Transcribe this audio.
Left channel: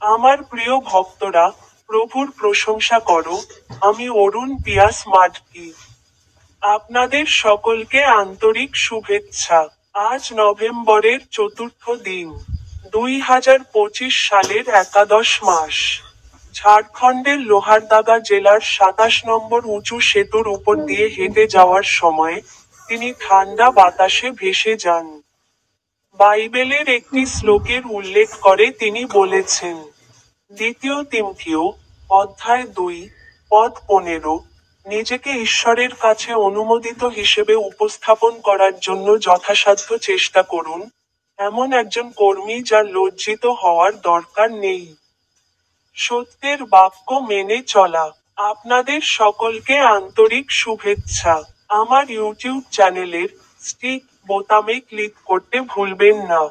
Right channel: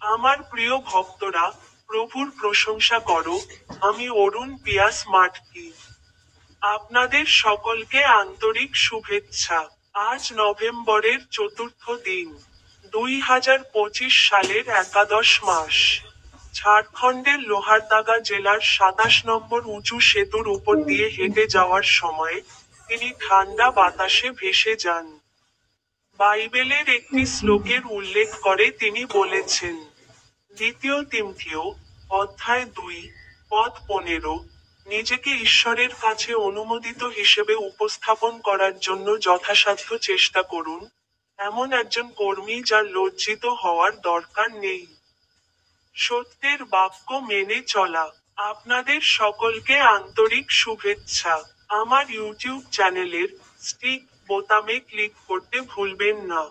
আমার প্রিয় ভক্তরা, প্রভুর প্রশংসা করো। আমি অরুণ পিয়াস মাডকি। আপনাদের সকলকে আন্তরিক শুভেচ্ছা। আজ নভেম্বরের চতুর্থ দিন, 2025 সালের একাদশ মাস। ঝাড়খণ্ডের লোহারদাগা জেলার 27 নম্বর উঁচু সেতুর উপর দিয়ে হেঁটে যাওয়ার সময় তিনি ঠান্ডা বাতাসে ভেসে যান। বাইবেলের একটি শ্লোকের উল্লেখ করে তিনি বলেছেন, দ্বিতীয় তিমথিও, অধ্যায় 2, পদ 15, নিজেকে ঈশ্বরের কাছে অনুমোদিত হিসেবে উপস্থাপন করার জন্য যথাসাধ্য চেষ্টা করুন, এমন একজন কর্মী যার লজ্জিত হওয়ার দরকার নেই। সত্যের বাক্য মেনে চলা। আপনাদের সকলকে আন্তরিক শুভেচ্ছা। আমার ইউটিউব চ্যানেলের স্টিক বোতামে ক্লিক করতে ভুলবেন না।